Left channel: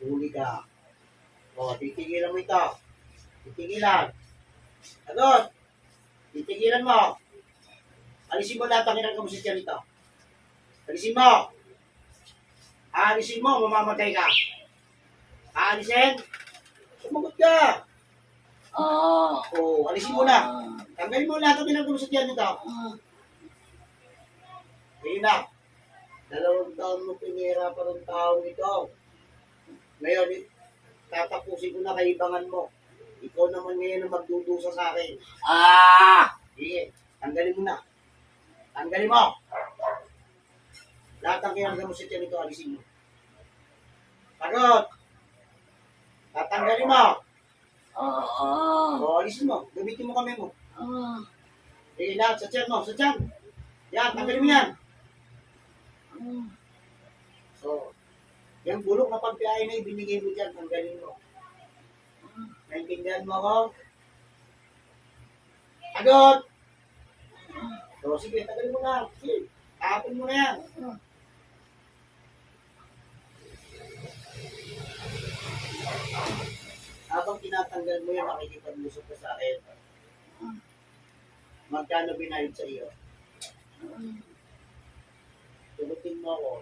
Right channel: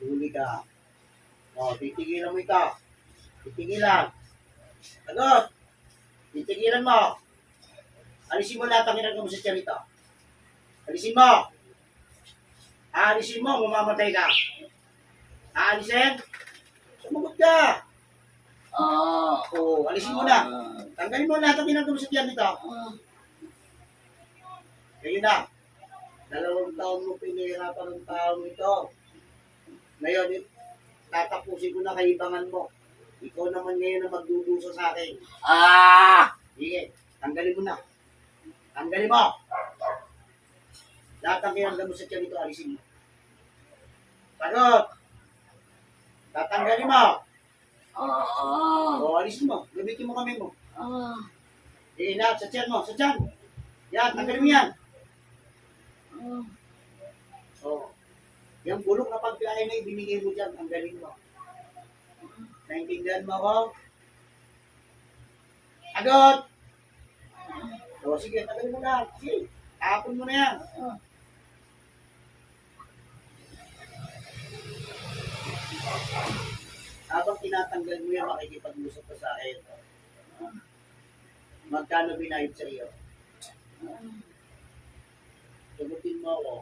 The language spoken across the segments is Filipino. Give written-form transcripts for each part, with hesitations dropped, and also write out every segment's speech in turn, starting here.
Huli ka. O, titigilan mo ito. Titigilan. Agad. Titigilan mo. Alisin mo lahat ang ginagawa mo sa tiyan ito. Alisin mo. Alisin mo, mamamatay ka. Alisin. Sumagot ka. O, alisin mo na. Tanggalin mo lahat ang ginagawa mo sa tiyan nito. Ngayon na. 2 taon mo pinahirapan ng taong ito. Ngayon, tatapusin ko na kaibangan mo. Ikaw naman ngayon ang magdudusa sa akin. Sige, tanggalin mo na. Tanggalin mo. Lahat ang kinagawa mo sa tiyan ito, alisin mo. Sagot. Tatanggalin mo. O, alisin mo. Gamitin mo kami mo. Lahat sa tiyan mo, sa tiyan. Yan, tanggalin mo yan. O, yung bulok na pagkain na ibinigay mo dyan, tanggalin mo. Naintindihan mo ako? Sagot. O, sige, tanggalin mo na. Sige, tapon mo na yan. Habang tinatanggal mo yan, makikipag-usap ka sa akin. Magkano binayad sa iyo? Tugutin mo ako.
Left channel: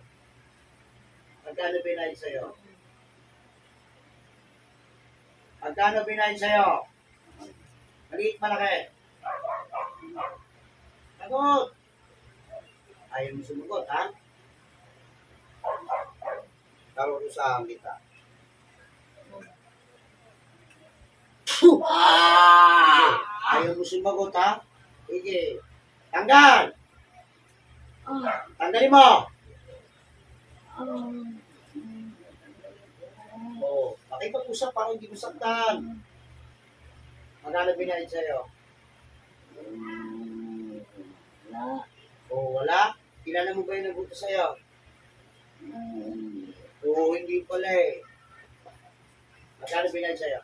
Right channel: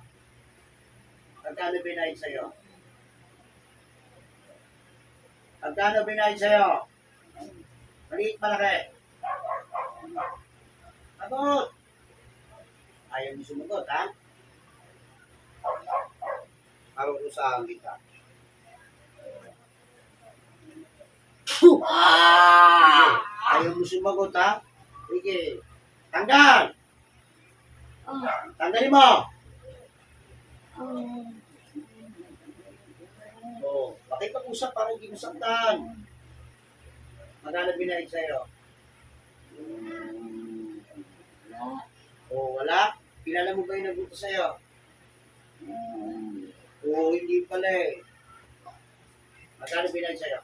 Magkano binayad sa iyo? Magkano binayad sa iyo? Maliit, malaki. Sagot! Ayaw mo sumagot, ha? Karurusahan kita. Ayaw mo sumagot, ha? Sige. Tanggal! Tanggalin mo! O, makipag-usap para hindi mo saktan. Magkano binayad sa'yo? O, wala? Kilala mo ba yung nabuto sa'yo? O, hindi pala eh. Magkano binayad sa'yo?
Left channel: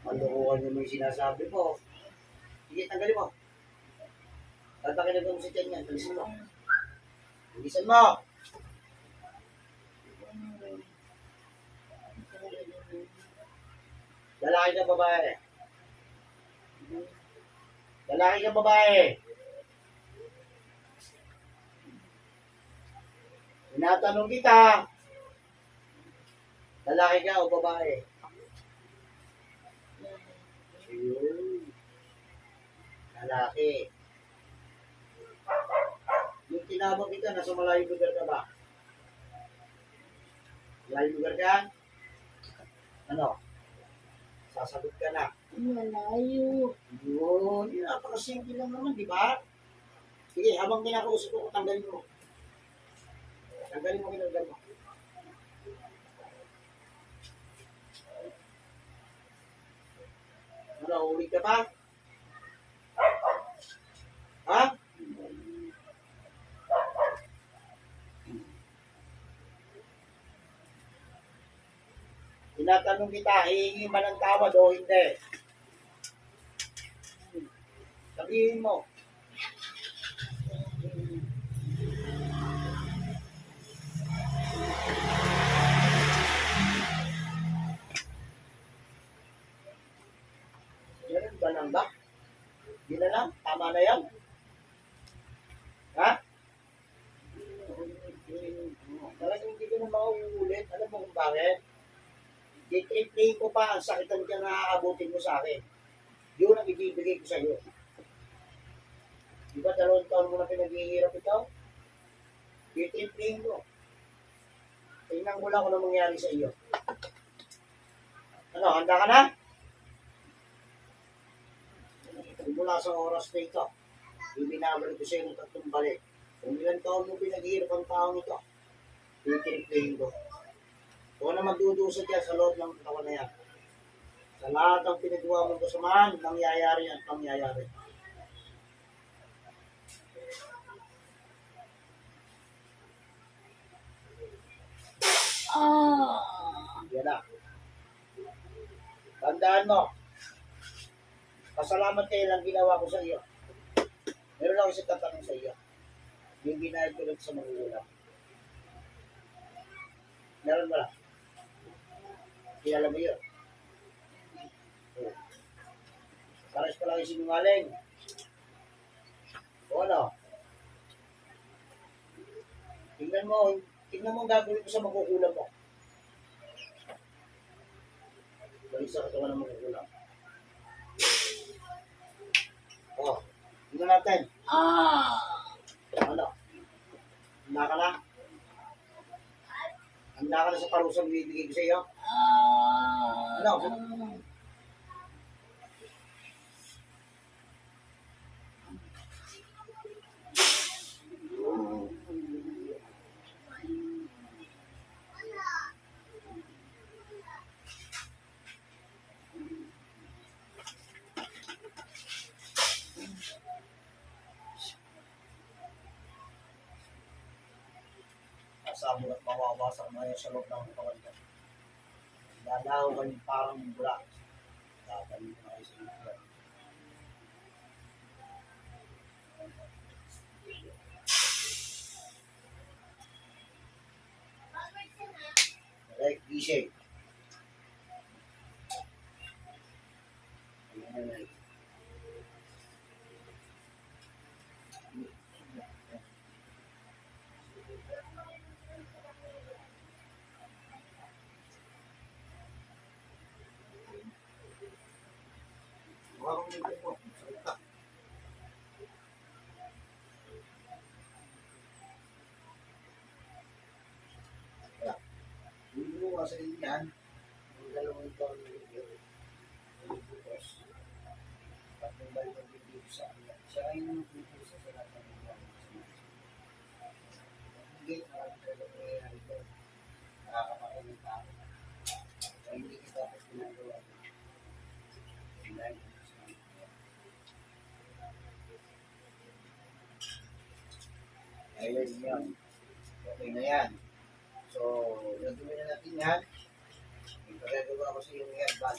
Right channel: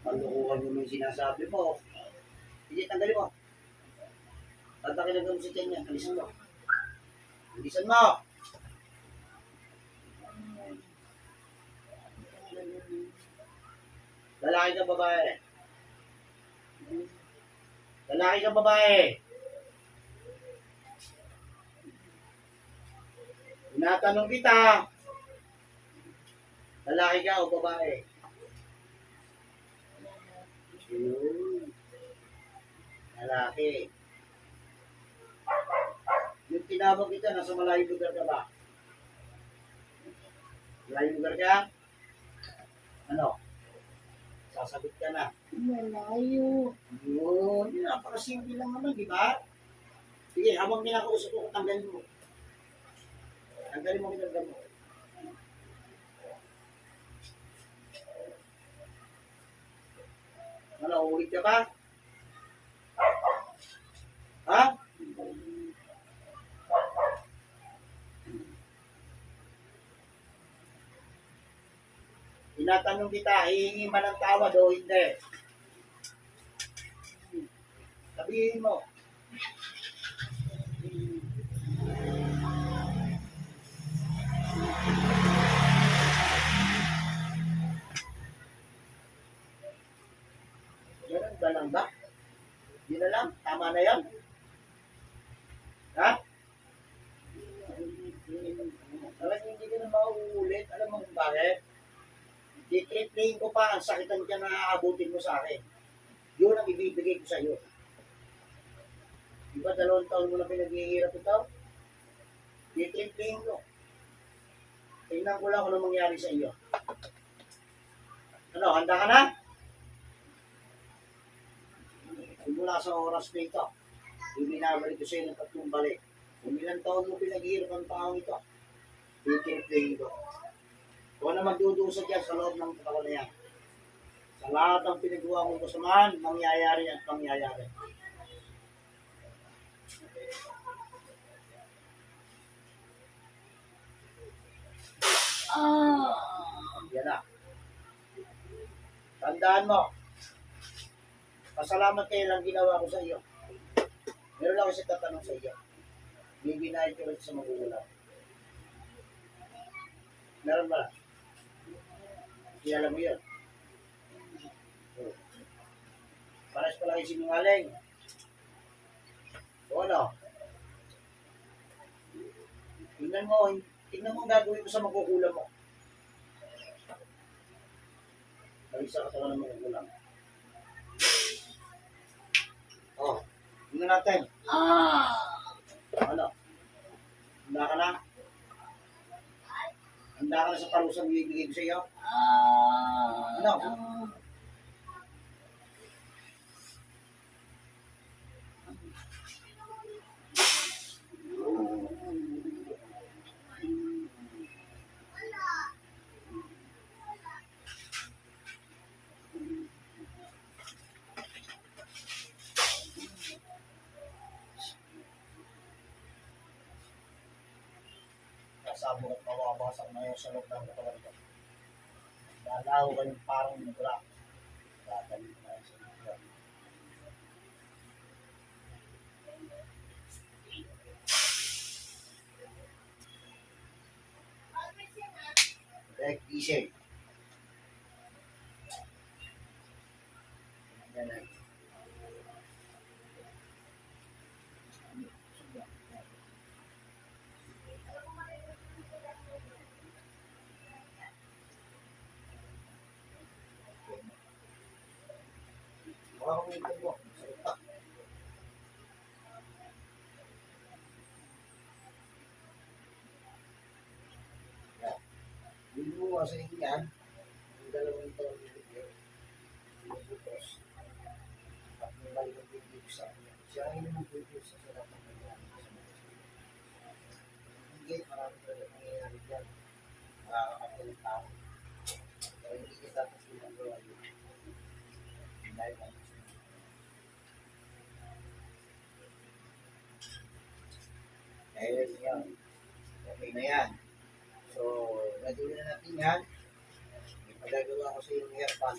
Palukuhan mo yung sinasabi mo. Sige, tanggalin mo. Tatakilan mo sa tiyan yan. Talisan mo. Talisan mo. Lalaki ka babae? Lalaki ka babae? Tinatanong kita. Lalaki ka o babae? Lalaki. Yung tinawag kita, nasa malayong lugar ka ba? Malayong lugar ka? Ano? Sasagot ka na. Malayo. Yun, yun, napakasimple lang naman, di ba? Sige, habang kinakausap ko, tanggalin mo. Tanggalin mo, kinagdan mo. Ano, ulit ka pa? Ha? Tinatanong kita, hihingi ba ng tawad o hindi? Sabihin mo. Ganun ba lang ba? Yun na lang? Tama na yan? Ha? Talagang hindi ka na mauulit. Alam mo kung bakit? Di-triplayin ko pa ang sakitan ka na aabutin mo sa akin. Yun ang ibibigay ko sa iyo. Di ba 2 taon mo na pinaghihirap ito? Di-triplayin ko. Tingnan ko lang kung ano mangyari sa iyo. Ano, handa ka na? Mula sa oras na ito, ibinabalik ko sa iyo ng 3 balik. Kung ilang taon mo pinaghihirap ang taong ito, di-triplayin ko. Kung na magdudusa dyan sa loob ng katawan na yan. Sa lahat ng pinagawa mong kasamaan, mangyayari at pangyayari. Yan na. Tandaan mo, pasalamat kayo lang ginawa ko sa iyo. Meron lang ako sa tatanong sa iyo. Bibinahin ko lang sa magugulang. Meron ba? Kilala mo yun? Oo. Pares pa lang yung sinungaling. O ano? Tingnan mo ang gagawin ko sa magugulang mo. Balik sa katawan ng magugulang. O, tingnan natin. Ano? Handa ka na? Handa ka na sa parusang bibigay ko sa iyo? Ano? Sasabog at mawawasak na yun sa loob ng katawan ko. Dalaw ka yung parang bula. Dadalhin ko na kayo sa iyo. Direct gising. Ayan. Mga kumitin mo. Salita. Yan. Hindi mo kasi yan. Ang dalawang ito ang nilagyan. Bukas. At may balik ang bigay sa kanya. Siya ay naman bigay sa lahat ng nangyayari sa mga. Hindi, marami talaga nangyayari dyan. Nakakapatay ng tao. Pero hindi ka dapat ginagawa yun. Dahil ano sa mga. Ayun yan. Okay na yan. So, nagawin na natin yan. May pagagawa ko sa yung herbal.